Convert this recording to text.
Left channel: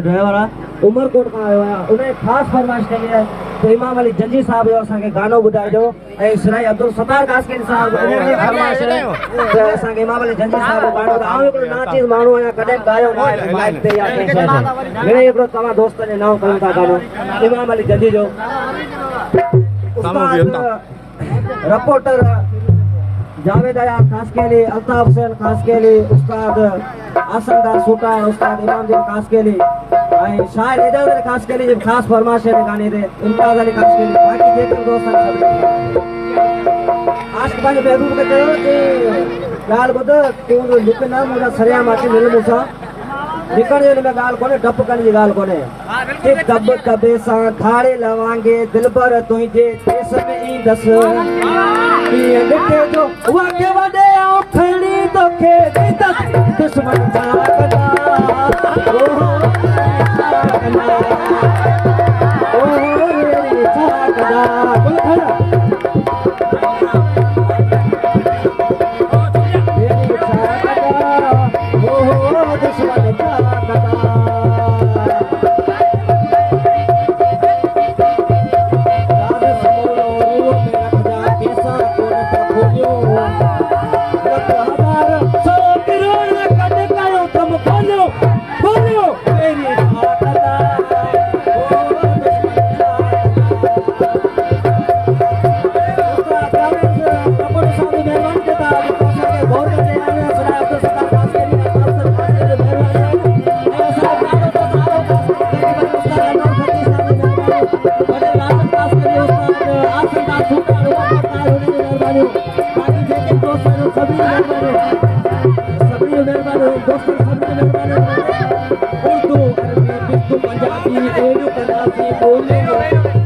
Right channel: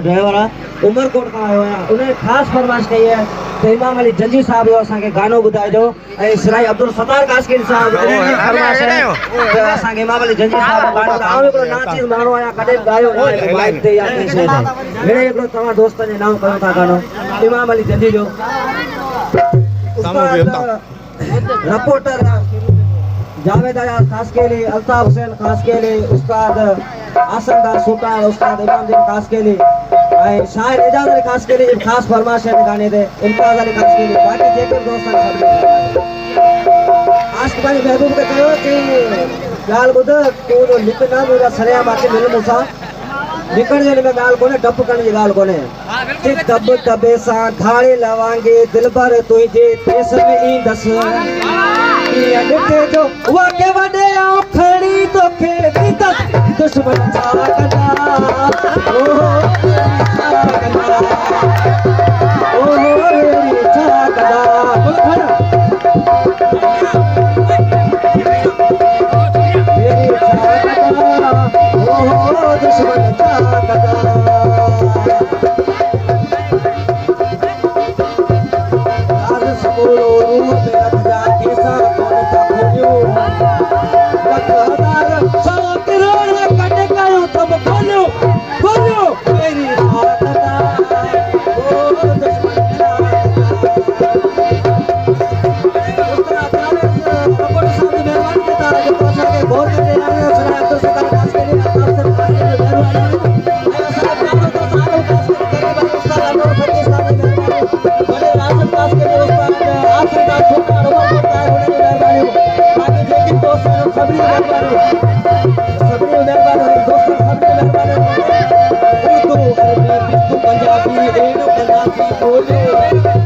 driver Umarkot का आयो आहे उन्हें खास फरमाइश कई है तो इमाम अली जंजी साहब जो असांखे गानो ॿुधाइजो ऐं सिराई अब्दुल सत्तार कासकिन साहब तो असांखे इमाम अली जंजी साहब जो गानो आउं हिकिड़ो नाचीज़ माण्हू आहियां कॾहिं ॻायो न आहे माइक ते या कंहिं शइ ते हिन हिकिड़ो तव्हां दोस्तनि जे नाम कयूं था गानो इमाम अली जंजी जो रिपोर्टर जावेद अयाज खासकेली अल्ताफ हुसैन खासकेली उस्ताद आसनदार सूटार उस्ताद इमामदीन खासकेली ऐं शाइर एजाज अली खासकेली जी खास फरमाइश है गाने ते इम्तियाज अली खासकेली बाकी जेके दोस्त सब आशिक भाई महबूब के कहो कि गाल बुधा तू लिखना मुरा सरिया माके मिल मूंसा लिखण में गाल कोने डप करण जी गाल कोने कि दब दबे सा धाड़े लवांगे दिल भर तुझे तेस में ई दस जो वाके वडे खणी तोखे दुश्मन जागदा पंजाबी